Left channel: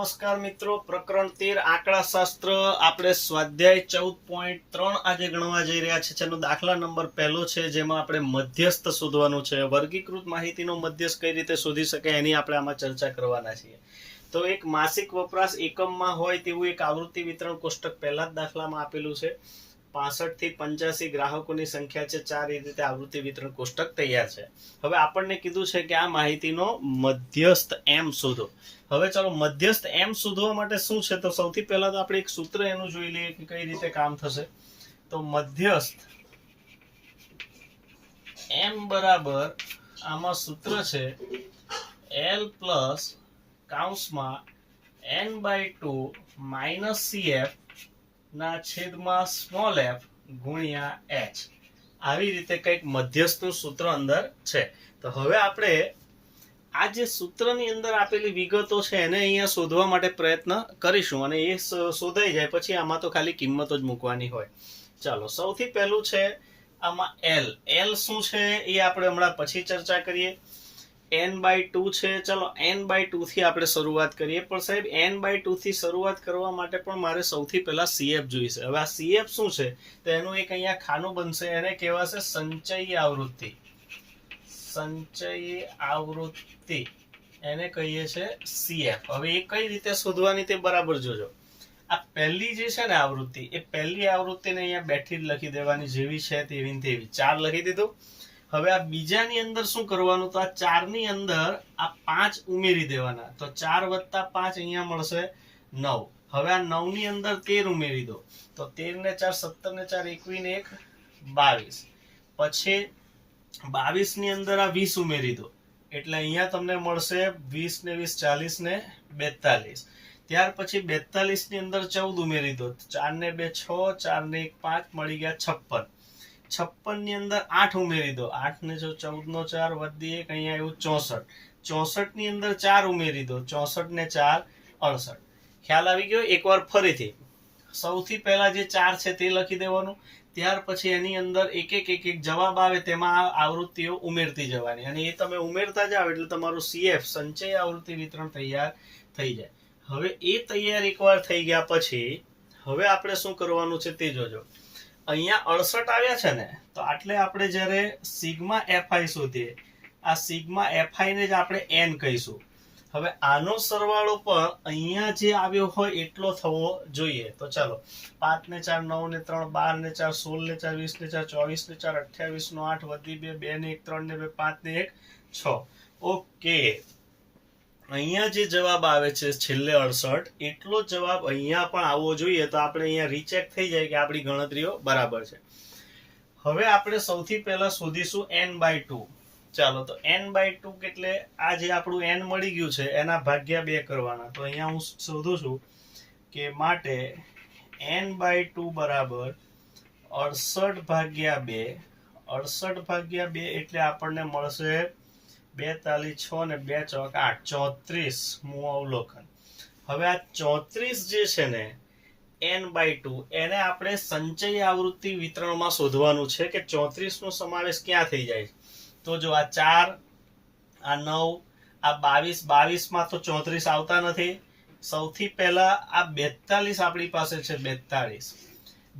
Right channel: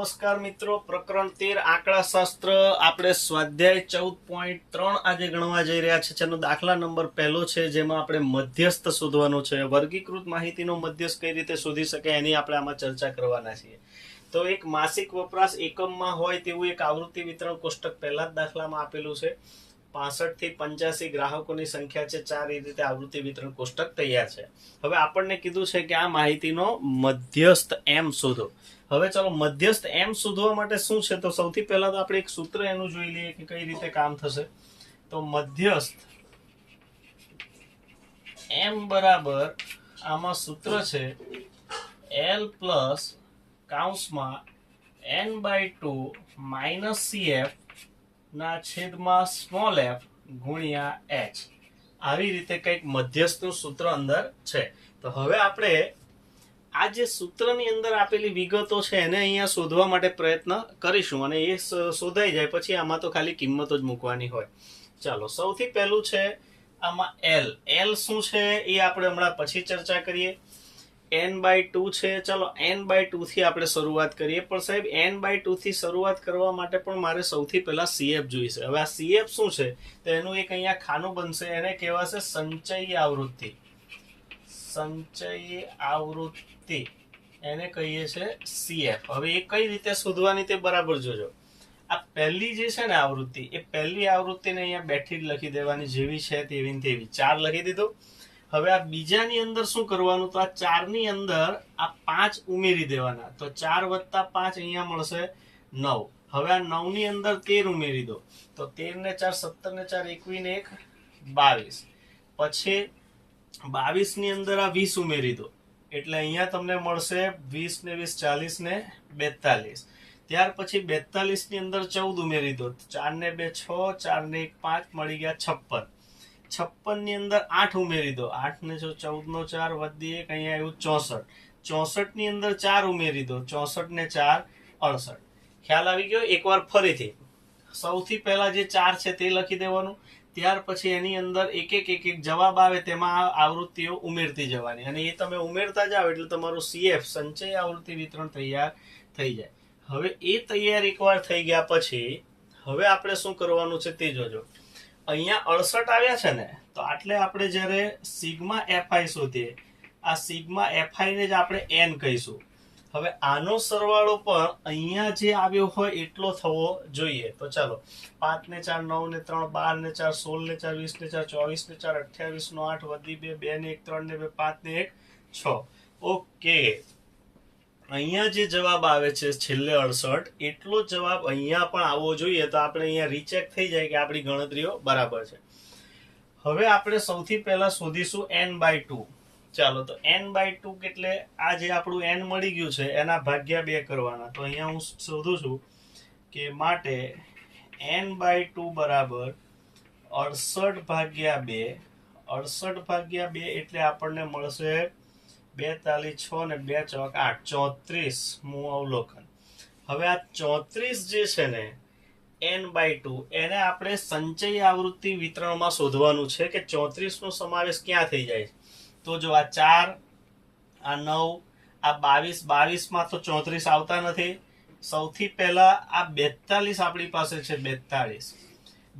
નમસ્કાર મિત્રો, પ્રકરણ 13 આંકડાશાસ્ત્ર આપણે સ્વાધ્યાય 14.3 આજે ગણવા જઈ રહ્યા છે. જેનો દાખલા નંબર પહેલો છે, જેમાં આપણે મધ્યસ્થ શોધવાનું છે. વર્ગીકૃત માહિતીનો મધ્યસ્થ કઈ રીતે શોધી શકાય એની આપણે આમાં ચર્ચા કરવાના છીએ. તો એક માસિક વપરાશ એકમમાં હોય તેવું એક આવૃત્તિ વિતરણ કોષ્ટક પહેલા જ દાખલામાં આપેલું છે. 65 થી 85 ગ્રાહકોની સંખ્યા છે. 4 એ રીતે આવૃત્તિ વિતરણ કોષ્ટક તૈયાર છે. હવે આપણને કીધું છે કે આ માહિતીનો મધ્યસ્થ એમ શોધો. હવે ચાલો મધ્યસ્થ એમ શોધવા માટે શું છે, તો સૌથી પહેલા તો આપણે એક સૂત્ર એનું જોઈ લઈએ કે કઈ રીતે કામ થશે. તો મધ્યસ્થ એમ બરાબર આમાં સૂત્ર છે L પ્લસ કૌંસમાં n/2 માઇનસ CF ના છેદમાં સ્મોલ f ગુણ્યા h. આવી રીતે કંઈક મધ્યસ્થનું સૂત્ર અંદર છે. તો હવે આપણે આ જે સૂત્રની અંદર આપેલી વિગતો છે એને અહીંયા શોધવા માટે પ્રયત્ન કરીશું, અને એ શોધાઈ જાય પછી આમાં તો ખાલી કિંમતો જ મૂકવાની હોય. ચાલો, સૌથી પહેલું છે આમાં L શું છે એ આપણે હમણાં પછી ચર્ચા કરીએ. n/2 છે. ચાલો n/2 થી આપણે શરૂઆત કરીએ. પણ સાહેબ n/2 થી શરૂઆત કરવા માટે પણ મારે સૌથી પહેલા CF જોઈશે. હવે આ CF શું છે, તો એનું એક અહીંયા ખાનું બનશે. એને કહેવાશે સંચયી આવૃત્તિ. સંચયી આવૃત્તિ એને કહીએ છે CF. હવે એ કઈ રીતે શોધવાની તે બરાબર જોજો. આ પહેલી જે છે ને આવૃત્તિ, એ પહેલી આવૃત્તિને અહીંયા બેઠી જ લખી દેવાની, જેવી છે તેવી ને તેવી. 4 લખી દીધું. હવે આ બીજાની અંદર શું કરવાનું, તો આ 4 ની અંદર આ 5 ઉમેરી દેવાના. તો 4 વત્તા 5 અહીંયા મળશે 9. હવે આ 9 ની અંદર 13 ઉમેરી દો. તો 13 ને 4 17 ને 4 21 ને 1 22. પછી 22 ની અંદર આ 20 ઉમેરી દો. એટલે અહીંયા તમને મળશે 20 ને 20 40 ને 42. ત્યાર પછી 42 ની અંદર 14 ઉમેરી દો. 4 ને 2 6, 4 ને 1 5, મળી ગયા 56. 56 ની અંદર 8 ઉમેરી દો. 8 ને 14 નો 4 વધી 1, અહીંયા આવ્યું 64. 64 ની અંદર 4 ઉમેરી દો. 64 ને 4 68. ખ્યાલ આવી ગયો? એકવાર ફરીથી સૌથી પહેલા જે 4 છે તે લખી દેવાનું. ત્યાર પછી એની અંદર એક એક જવાબ આવે તેમાં આવૃત્તિઓ ઉમેરતી જવાની, અને એ તમે ઉમેરતા જાઓ એટલે તમારું CF સંચય આવૃત્તિ વિતરણ તૈયાર થઈ જાય. હવે એ તૈયાર એકવાર થઈ ગયા પછી હવે આપણે શું કરવાનું છે તે જોજો. અહીંયા 68 આવ્યા છે ને, તો આટલે આપણે જ્યારે સિગ્મા fi શોધીએ, આ સિગ્મા fi ને જ આપણે n કહીશું. હવે આનો સરવાળો પણ અહીંયા જે આવ્યો હોય એટલો થવો જોઈએ. તો ચાલો, 5 ને 4 9 ને 3 12 ને 4 16 ને 4 20 ને 4 24 ને 4 28 નો 8 વધી 2 2 ને 1 3 ને 2 5 ને 1 6. ઓકે, અહીંયા જે જવાબ આવે છે છેલ્લે 68, એટલો જવાબ અહીંયા પણ આવવો જોઈએ. તો આપણે અહીંયા રીચેક થઈ જાય કે આપણી ગણતરીઓ બરાબર છે. હવે આપણે સૌથી પહેલા શોધીશું n/2. ચાલો, તો n/2 એટલે આ જે આપણું n મળી ગયું છે એના ભાગ્યા 2 કરવાના. તો અહીંયા હું શોધું છું કે માટે n/2 બરાબર 68 ભાગ્યા 2. 68 ભાગ્યા 2 એટલે આપણને મળશે 42 6 ને 2 ચોક 8 34 મું અવલોકન. હવે આ 34 જે છે ને n/2, એને આપણે સંચયી આવૃત્તિ વિતરણમાં શોધવાનું છે કે 34 નો સમાવેશ ક્યાં થઈ જાય. તો જો આ 4, આ 9, આ 22 માં તો 34 આવતા નથી. સૌથી પહેલા આ 42 આપણી પાસે છે.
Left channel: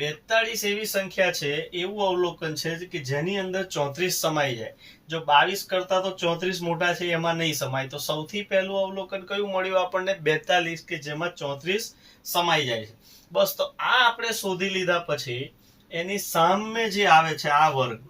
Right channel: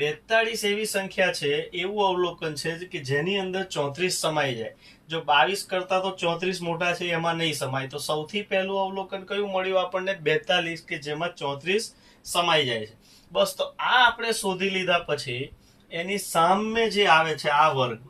42 એવી સંખ્યા છે, એવું અવલોકન છે કે જેની અંદર 34 સમાઈ જાય. જો 22 કરતા તો 34 મોટા છે, એમાં નહીં સમાય. તો સૌથી પહેલું અવલોકન કયું મળ્યું આપણને? 42, કે જેમાં 34 સમાઈ જાય છે. બસ, તો આ આપણે શોધી લીધા પછી એની સામે જે આવે છે આ વર્ગ,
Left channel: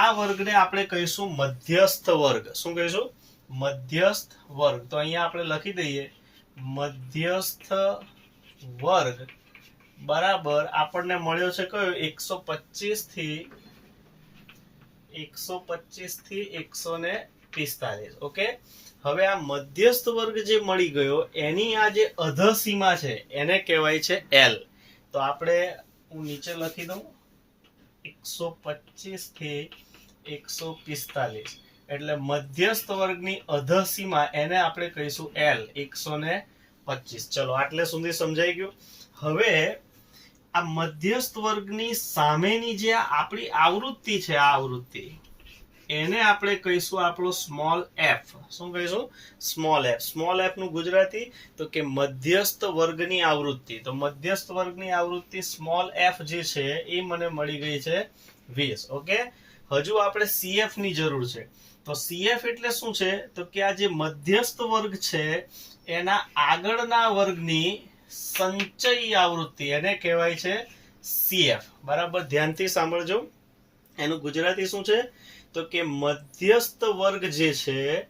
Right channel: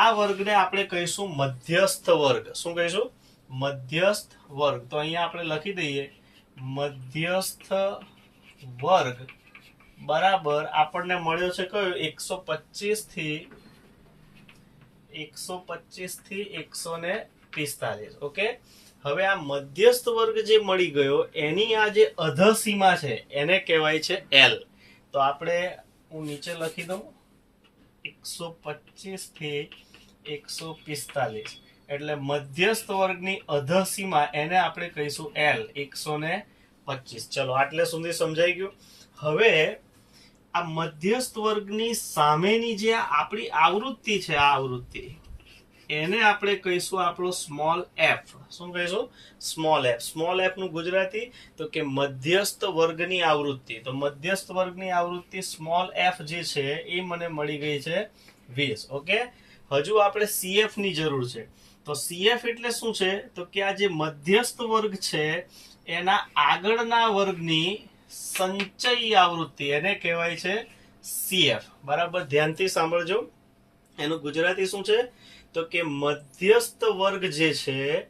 આ વર્ગને આપણે કહીશું મધ્યસ્થ વર્ગ. શું કહીશું? મધ્યસ્થ વર્ગ. તો અહીંયા આપણે લખી દઈએ મધ્યસ્થ વર્ગ બરાબર આપણને મળ્યો છે કયો? 125 થી 145. ઓકે, હવે આ મધ્યસ્થ વર્ગ જે મળી ગયો એની આ જે અધસીમા છે એને કહેવાય છે L. તો આપણે હું નીચે લખી દઉં 125 થી 145. એટલે મધ્યસ્થ વર્ગની અધસીમા એને આપણે કહીશું L, 125. ચલો, આટલે સુધી સમજાઈ ગયું. હવે આ મધ્યસ્થ વર્ગની સામેની જે આપણી આવૃત્તિ છે, આ આવૃત્તિ એને આપણે કહીશું આપણો સ્મોલ એફ. શું કહીશું? Small F. સ્મોલ એફ નું ગુજરાતી તો કે મધ્યસ્થ વર્ગની આવૃત્તિ. તો મધ્યસ્થ વર્ગની આવૃત્તિ સ્મોલ એફ જે છે એ મને મળી ગઈ છે 20. ઓકે, હજુ આપણે સીએફ ની જરૂર છે. તો સીએફ એટલે શું છે? તો કે આ જે મધ્યસ્થ વર્ગ છે એના આગળના વર્ગની સંચયી આવૃત્તિ એને કહેવાય છે સીએફ. બરાબર, ધ્યાનથી સાંભળજો. એનું ગુજરાતી શું છે? તો કે મધ્યસ્થ વર્ગ જે છે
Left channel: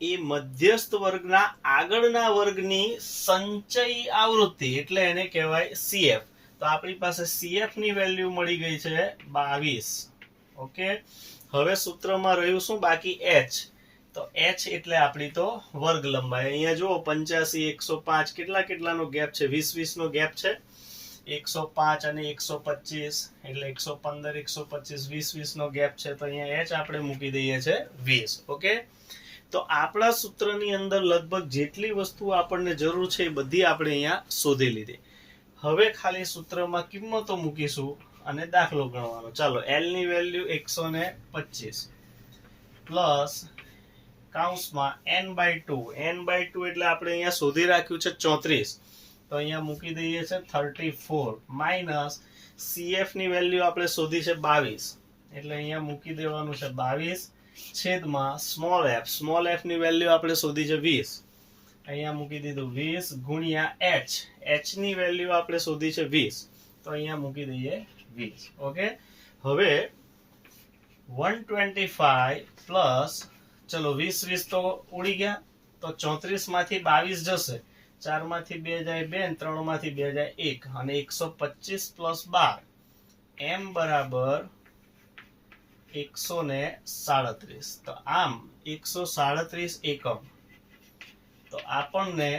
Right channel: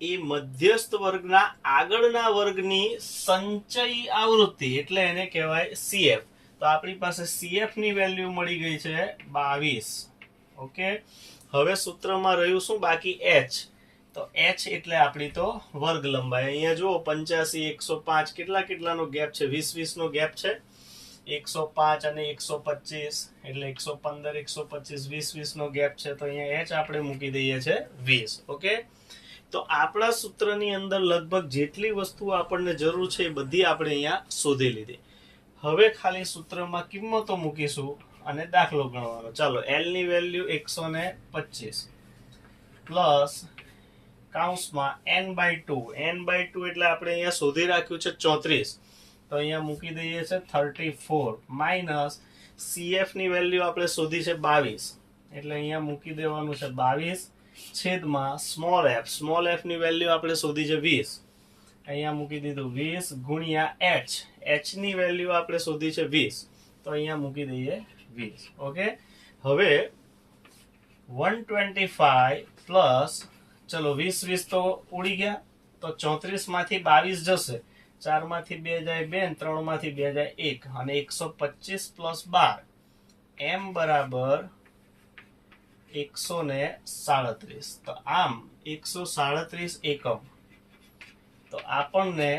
એ મધ્યસ્થ વર્ગના આગળના વર્ગની સંચયી આવૃત્તિ એટલે એને કહેવાય સીએફ. તો આપણી પાસે સીએફ ની વેલ્યુ મળી ગઈ છે 22. ઓકે, હવે સૂત્રમાં રહ્યું શું બાકી? એચ. તો એચ એટલે આપણી તો વર્ગ લંબાઈ. અહીંયા જુઓ 85 105 કેટલાનો ગેપ છે? 20 નો ગેપ છે. 105 અને 125 એટલે 115 125 20 નો ગેપ છે. તો અહીંયા એચ આપણે મૂકી દઈએ છે 20. ઓકે, તો આપણા સૂત્રની અંદર લગભગ જેટલી વસ્તુ આપણને જરૂર છે એ બધી આપણે અહીંયા શોધી લીધી. હવે ખાલી સૂત્રમાં કિંમતો મૂકીશું અને દાખલો ગણવાનો. ચાલો, એલ ની વેલ્યુ 125 પ્લસ કૌંસમાં n/2. n/2 એટલે આપણે અહીંયા શોધી રાખ્યું છે 34. તો અહીંયા મૂકી દઈએ છે 34 માઇનસ સીએફ ની વેલ્યુ આપણે શોધી છે 22 એટલે અહીંયા મૂકી દેવાનું છે 22 છેદમાં સ્મોલ એફ. સ્મોલ એફ ની વેલ્યુ આપણે શોધી છે 20. અહીંયા મૂકી દીધું 20 ગુણ્યા એચ. એચ ની વેલ્યુ આપણે શોધી છે 20. તો અહીંયા મૂકી દઈએ 20. ઓકે, હવે 125 પ્લસ, ચલો 20 તો ઉડી ગયા, તો 34 માંથી 22 જશે. 4 માંથી 2 જાય 2, 3 માંથી 2 જાય 1 અને 125 પ્લસ 12 એમ બરાબર 137. તો આમ 137 એકમ. તો આપણને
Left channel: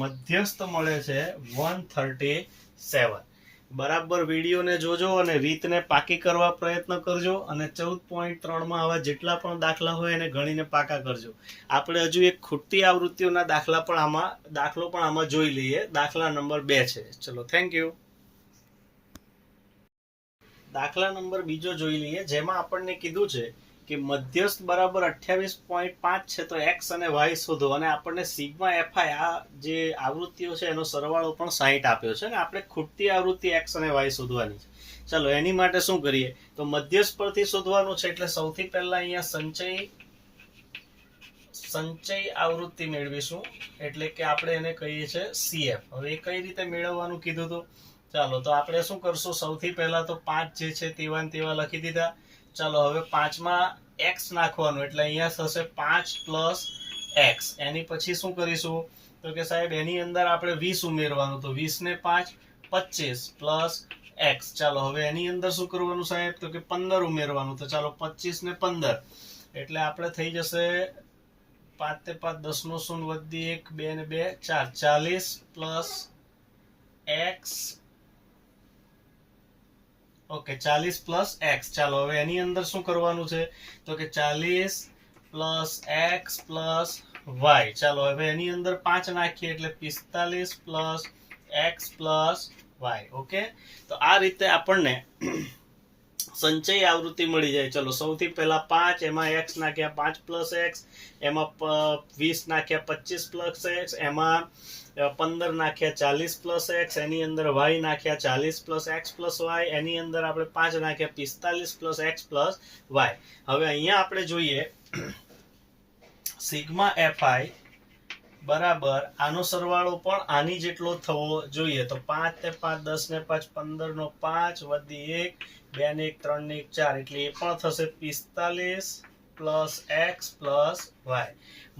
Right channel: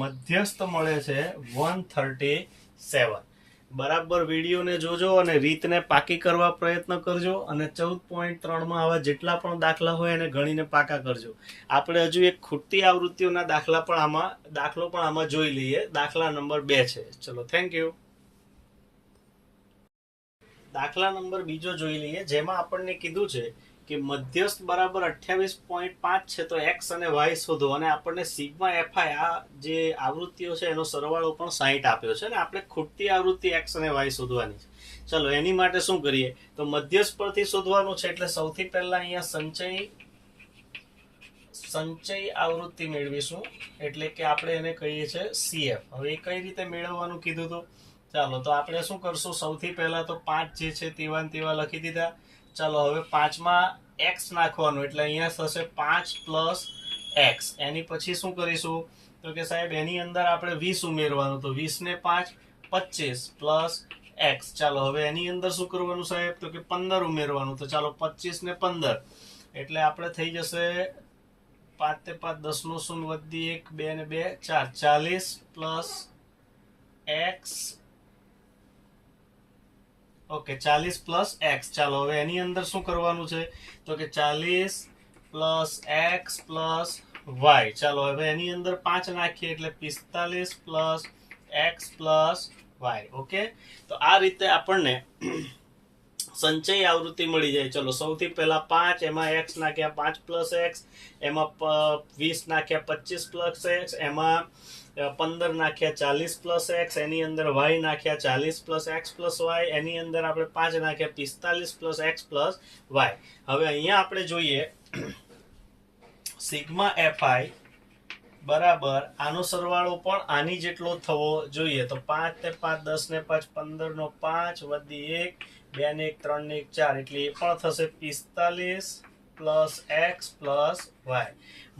મધ્યસ્થ મળે છે 137. બરાબર વિડીયોને જોજો અને રીતને પાકી કરવા પ્રયત્ન કરજો અને 14.3 માં આવા જેટલા પણ દાખલા હોય એને ગણીને પાકા કરજો. આપણે હજુ એક ખૂટતી આવૃત્તિઓના દાખલો પણ આમાં જોઈ લઈએ. દાખલા નંબર 2 છે. ચલો, થેન્ક યુ. દાખલા નંબર 2 જોઈ લઈએ, જેમાં આપણને કીધું છે કે મધ્યસ્થ બરાબર 28.5 છે. તો એક્સ અને વાય શોધો અને આપણને સિગ્મા એફઆઈ આ જે આવૃત્તિઓ છે એનો સરવાળો પણ 60 આપ્યો છે ને આપણે ખૂટતી આવૃત્તિ એક્સ અને વાય શોધવાની છે. ચલો, એની માટે શું કરીએ? તો મધ્યસ્થ પરથી શોધવાનું છે એટલે સૌથી પહેલા અહીંયા સંચયી આવૃત્તિ મેળવીશું એટલે કે આપણે એને કહીએ છીએ સીએફ. હવે એ કઈ રીતે મેળવવાનું કીધું હતું? ચાલો, તો આપણે શું કરશું? સૌથી પહેલા તો 5 જે છે તેવા લખી દીધા. ચાલો, હવે 5 માં x નાખવાનું એટલે અહીંયા થશે 5 પ્લસ x. એની પછી શું કરીશું? તો કે સાહેબ એની અંદર આપણે 20 ઉમેરવાનું. તો 20 ને 5 25 પ્લસ x. ચાલો, હવે એની અંદર શું કરવાનું સાહેબ? તો કે 15 ઉમેરવાનું. તો ચાલો 25 ને 15 એટલે આપણે થઈ જશે 5 ને 5 10 નો શૂન્ય વધી 1 2 ને 2 4 40 plus x. Okay, 40 plus x. ચાલો, હવે એની અંદર શું કરવાનું છે? તો કે 40 પ્લસ એક્સ પ્લસ વાય. ચાલો, હવે એની અંદર 5 નાખીએ એટલે 45 plus x plus y. Okay, તો આ રીતે આપણને સંચયી આવૃત્તિ મળી જાય. ચલો, સૌથી પહેલા 5 એમાં x નાખ્યા 5 પ્લસ એક્સ, એમાં 20 નાખ્યા 25 પ્લસ એક્સ, એમાં 15 નાખ્યા 40 પ્લસ એક્સ, એની અંદર y નાખ્યા 40 પ્લસ એક્સ પ્લસ વાય, એની અંદર આપણે 5 નાખ્યા 45 પ્લસ એક્સ પ્લસ વાય. હવે અહીંયા આપણે જોઈએ સિગ્મા એફઆઈ બરાબર આનો સરવાળો પણ આની જેટલો થવો જોઈએ. તો 5 ને 5 10 ને 5 15 નો 5 વધી 1 2 ને 1 3 ને 1 4 એટલે એ પણ થશે 45 પ્લસ એક્સ પ્લસ વાય.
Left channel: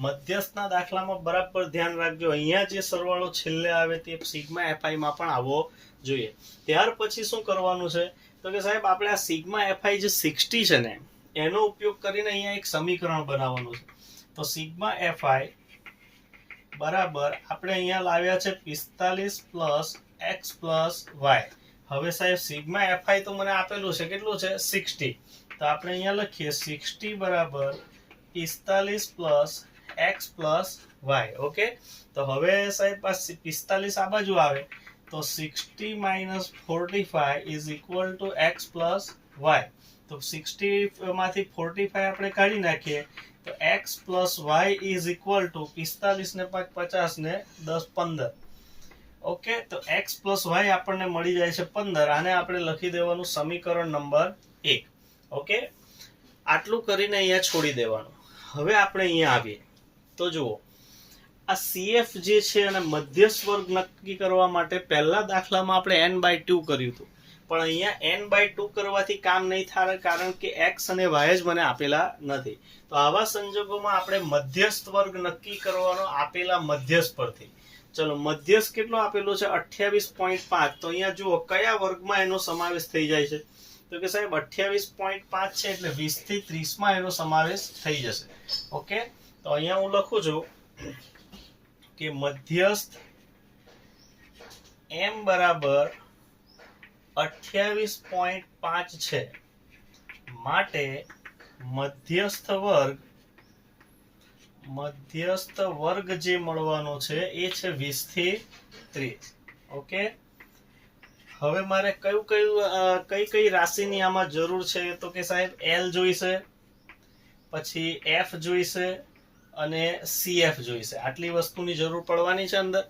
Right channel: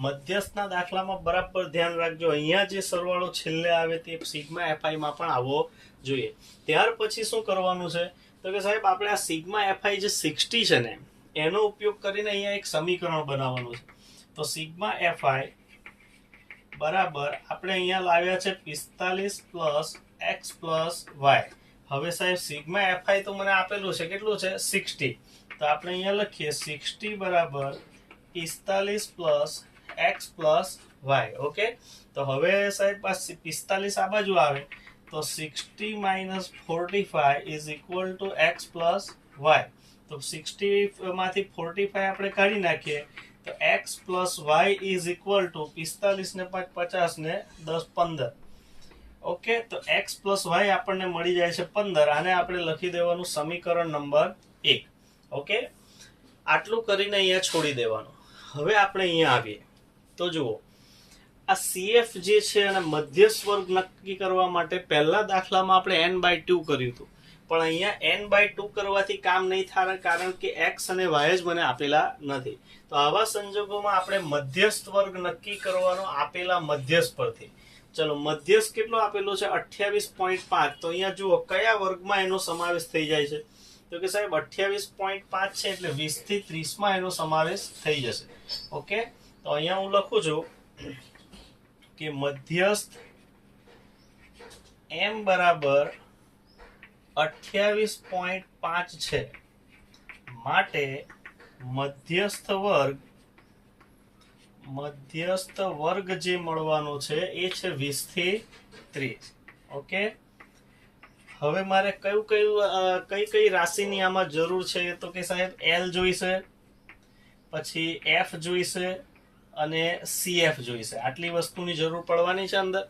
મધ્યસ્થના દાખલામાં બરાબર ધ્યાન રાખજો, અહીંયા જે સરવાળો છેલ્લે આવે તે સિગ્મા એફઆઈ માં પણ આવવો જોઈએ. ત્યાર પછી શું કરવાનું છે? તો કે સાહેબ આપણે આ સિગ્મા એફઆઈ જે 60 છે ને એનો ઉપયોગ કરીને અહીંયા એક સમીકરણ બનાવવાનું છે. તો સિગ્મા એફઆઈ બરાબર આપણે અહીંયા લાવ્યા છે 45 પ્લસ એક્સ પ્લસ વાય. હવે સાહેબ સિગ્મા એફઆઈ તો મને આપેલું છે, કેટલું છે? 60. તો આપણે અહીંયા લખીએ 60 બરાબર 45 plus x plus y. Okay, તો હવે સાહેબ 45 આ બાજુ આવે તો 60 minus 45 is equal to x plus y. તો તો 60 માંથી 45 આપણે કાઢી નાખીએ તો x plus y is equal to 45 ને 5 50 ને 10 15. ઓકે, તો x પ્લસ વાય આપણને મળી જાય છે 15. આને આપણે લખી દેવાનું સમીકરણ નંબર 1. ઓકે, આટલું કરીને અહીંયા છોડી દેવાનું. હવે આપણે અહીંયા આવીએ તો જુઓ, આ CF જે છે અને મધ્યસ્થ વર્ગ નક્કી કરવા માટે પહેલા દાખલામાં આપણે n/2 કર્યું હતું, પણ અહીંયા n/2 કરવાથી કામ નહીં થાય, કારણ કે x અને y જ મને આપેલા નથી. તો આવા સંજોગોમાં આપણે મધ્યસ્થ વર્ગ નક્કી કરવાનો આપેલા મધ્યસ્થ પરથી. ચલો, મધ્યસ્થ કેટલો આપેલો છે? 28.5. તો અહીંયા જુઓ કયા વર્ગમાં એનો સમાવેશ થઈ જાય છે? તો કે સાહેબ 28.5 છે એટલે 20 થી 30 માં એનો સમાવેશ થઈ જશે. ઓકે, તો અહીંયા હું લખું છું કે મધ્યસ્થ m બરાબર 28.5 છે, માટે મધ્યસ્થ વર્ગ જે મળવાનો છે એ છે 20 થી 30. ઓકે, હવે મારે કઈ રાશિની આમાં જરૂર છે? તો કે સાહેબ L જોઈશે, પછી F જોઈશે અને CF જોઈશે. આટલી વસ્તુની જરૂર પડવાની છે અંદર.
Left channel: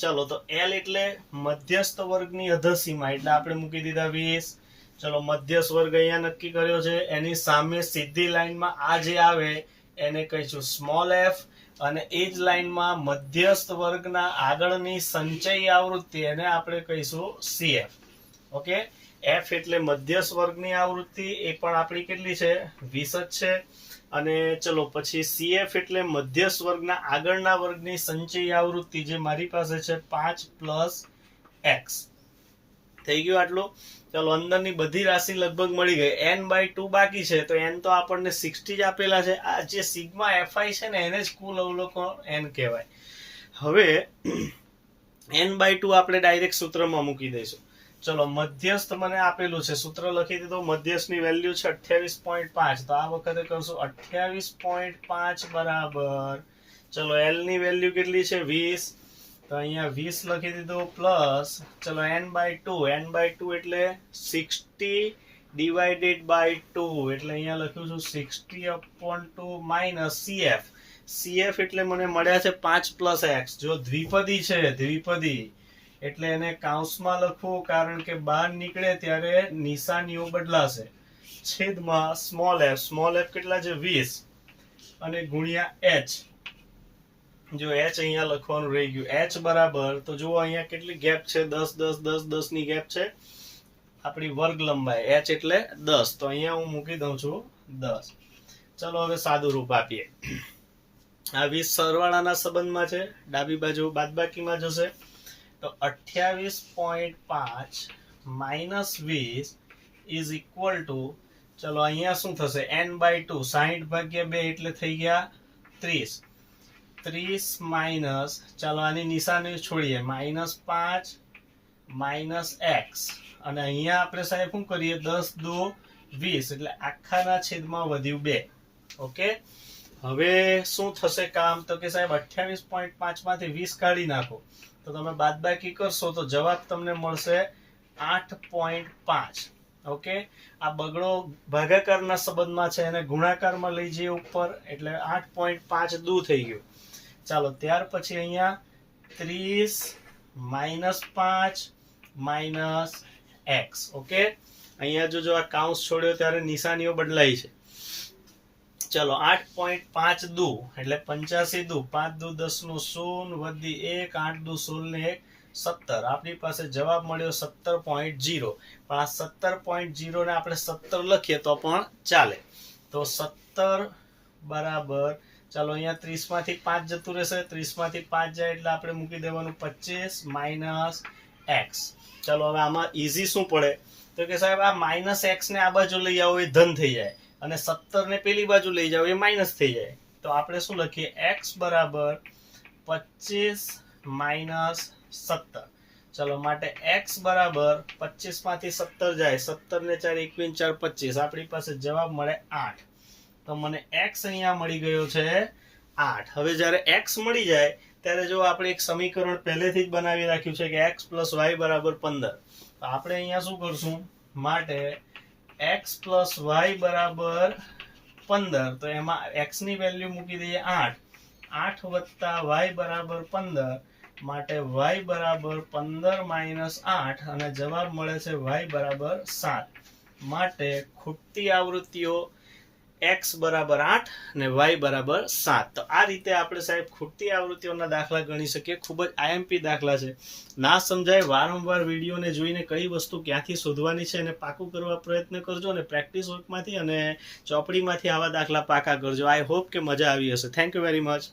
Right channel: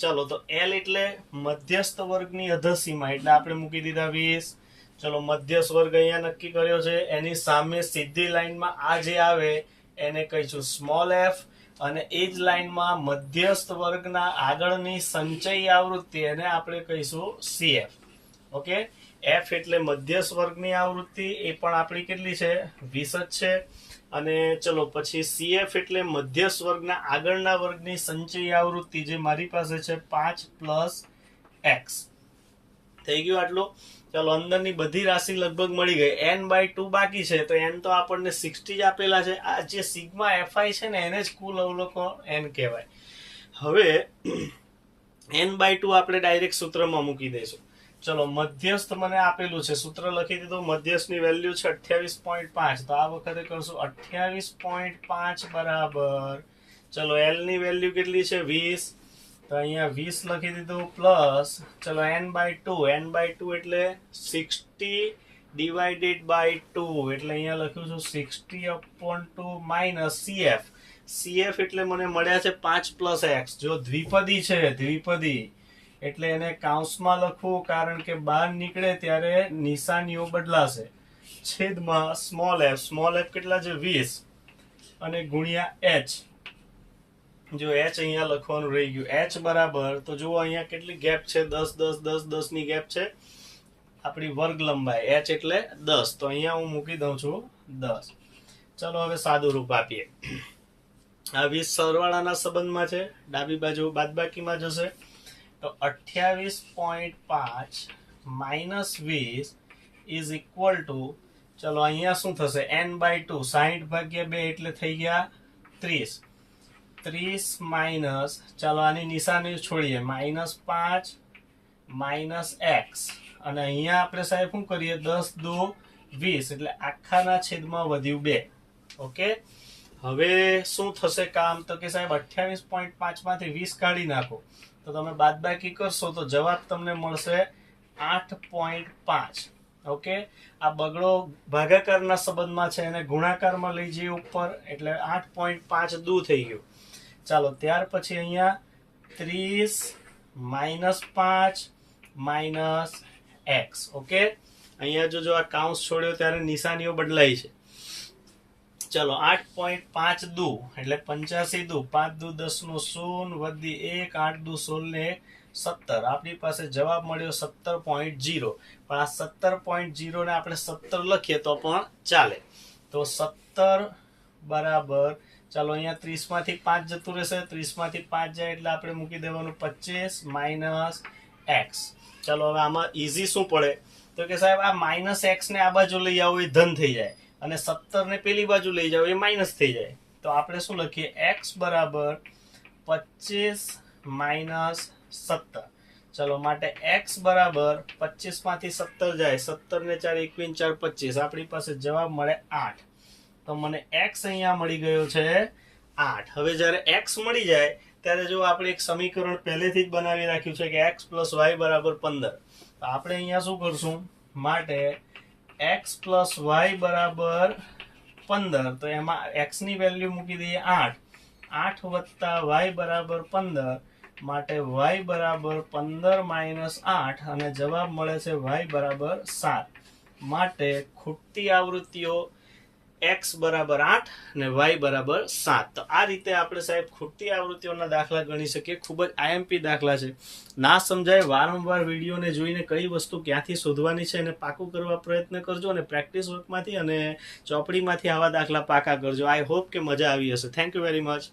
ચલો, તો L એટલે મધ્યસ્થ વર્ગની અધસીમા, એટલે આપણે મૂકી દીધા 20. ચલો, મધ્યસ્થ વર્ગ અહીંયા નક્કી કર્યો છે. એની સામે સીધી લાઈનમાં આ જે આવે એને કહીશું સ્મોલ f, અને એ જ લાઈનમાં મધ્યસ્થ વર્ગના આગળની સંચયી આવૃત્તિ એને આપણે કહીશું CF. ઓકે, f એટલે મધ્યસ્થ વર્ગની આવૃત્તિ, એ પણ આપણી કેટલી છે? 20 જ છે. અને ચલો, પછી CF એટલે મધ્યસ્થ વર્ગના આગળના વર્ગની સંચયી આવૃત્તિ, જે મારી પાસે છે 5 પ્લસ x. થઈ ગયું આટલું. ચલો, અંદરની બધી રાશિ લગભગ મળી ગઈ. n/2 બાકી છે, તો n તો આપણને 60 જ આપેલા છે. આ જે સિગ્મા fi છે ને એને જ કુલ અવલોકન n કહેવાય. હવે n/2 આપણે ડાયરેક્ટ સૂત્રમાં મૂકી દઈશું. ચલો, મધ્યસ્થ મને આપેલું છે, સૂત્ર લખી દીધું. મધ્યસ્થની વેલ્યુ છે 28.5. તો આ વખતે કરશું 28.5 બરાબર, ચલો L ની વેલ્યુ કેટલી છે? 20. તો અહીંયા 20 લખી દીધું, પ્લસ ચલો n/2 એટલે 60 ડિવાઇડેડ બાય 2, એટલે અહીંયા લખ્યું છું 60/2 માઇનસ CF એટલે મને મળ્યા છે 5 પ્લસ x. જો દ્વિપદી છે, દ્વિપદી એટલે એને કાઉન્સમાં લખવું, કારણ કે બહાર નીકળે ત્યારે નિશાનીઓ બદલાશે. છેદમાં સ્મોલ f કેટલા છે? 20, અને ગુણ્યા h. જો h અહીંયા લખવાનું રહી ગયું. h બરાબર, તો જુઓ અહીંયા કેટલી ગેપ છે? 10 10 10 10 ની ગેપ છે. આપણી વર્ગ લંબાઈ h એટલે 10. તો અહીંયા હું મૂકી દઉં છું 10. ચલો, હવે સાદું રૂપ આપીએ. આ 20 સરવાળાના સંબંધમાં છે, ડાબી બાજુ બાદબાકીમાં જશે. તો 28.5 માઇનસ 20 ઇઝ ઇક્વલ ટુ, ચલો અહીંયા શું થશે? n/2, 60/2 એટલે થઈ ગયા 30. 30 માઇનસ, ચાલો આની નિશાની છોડીએ, -5 માઇનસ x, અને અહીંયા આપણે સાહેબ શું કરીએ? 10 2 20, એટલે આખાના છેદમાં વધ્યું 2. ઓકે, હવે શું થશે કામ? તો કે સાહેબ 28.5 માંથી 20 કાઢી નાખો, તો તમે બાદબાકી કરશો તો જવાબ તમને મળશે 8.5. ઓકે, આ બગડો ભાગાકારના સંબંધમાં છે, એને ગુણાકારમાં લઈ જઈએ ઉપર, એટલે 8.5 દૂર થઈ ગયું. ચાલો, ત્યાર પછી અહીંયા 30 -5 માઇનસ x. ઓકે, અહીંયા જો આ કાઉન્સ છોડ્યો ત્યારે નિશાનીઓ બદલાઈ છે. ચલો, 8.5 દુ એટલે 85 દુ, 5 દુ 10 નું 0 વધી 1, 8 દુ 16 ને 17. આપણી પાસે જવાબ મળ્યો 17.0. પણ આ 17.0 ને આપણે 17 લખીએ તો પણ ચાલે. તો 17 બરાબર, ચાલો અહીંયા 30 માંથી 5 જતું રહેશે, 30 માંથી 5 જાય એટલે આપણે મૂકી દેવાનું 25 માઇનસ x. ચાલો, હવે આમાં ઈઝી શું પડે? તો કે સાહેબ આ માઇનસ x ને આ બાજુ લઈ આવો એ ધન થઈ જાય, અને 17 ને પેલી બાજુ લઈ જાવ એ માઇનસ થઈ જાય. તો આપણે શું લખીએ? x બરાબર 25 માઇનસ 17. ચલો, માટે x બરાબર 25 માંથી 17 જાય, 17 ને 4 21 4 25, આપણી પાસે જવાબ મળે 8. તો મને x અહીંયા મળી ગયો છે 8. હવે જ્યારે x મળી જાય ત્યારે જો આપણે એક સમીકરણ પહેલેથી જ બનાવી રાખ્યું છે કે x પ્લસ y બરાબર 15. તો આપણે અહીંયા શું કરશું? માટે x પ્લસ વાય બરાબર 15, તો એમાં x ની વેલ્યુ મૂકી દઈએ 8, 8 વત્તા y બરાબર 15, માટે y બરાબર 15 માઇનસ 8, અને જવાબ મળે છે y બરાબર 7. માટે ખૂટતી આવૃત્તિઓ x બરાબર 8 અને y બરાબર 7. તો આ રીતે આપણે સાહેબ ખૂટતી આવૃત્તિઓના દાખલા ગણી શકીએ. ખૂબ જ આઈએમપી દાખલા છે. ના સમજાય વારંવાર વિડીયોને જોઈને કઈ વસ્તુ ક્યાંથી શોધવાની છે એને પાકું કરવા પ્રયત્ન કરજો, અને પ્રેક્ટિસ વર્કમાંથી અને ચોપડીમાંથી આવા દાખલા પાકા કરજો. આઈ હોપ કે મજા આવી હશે. Thank you very much.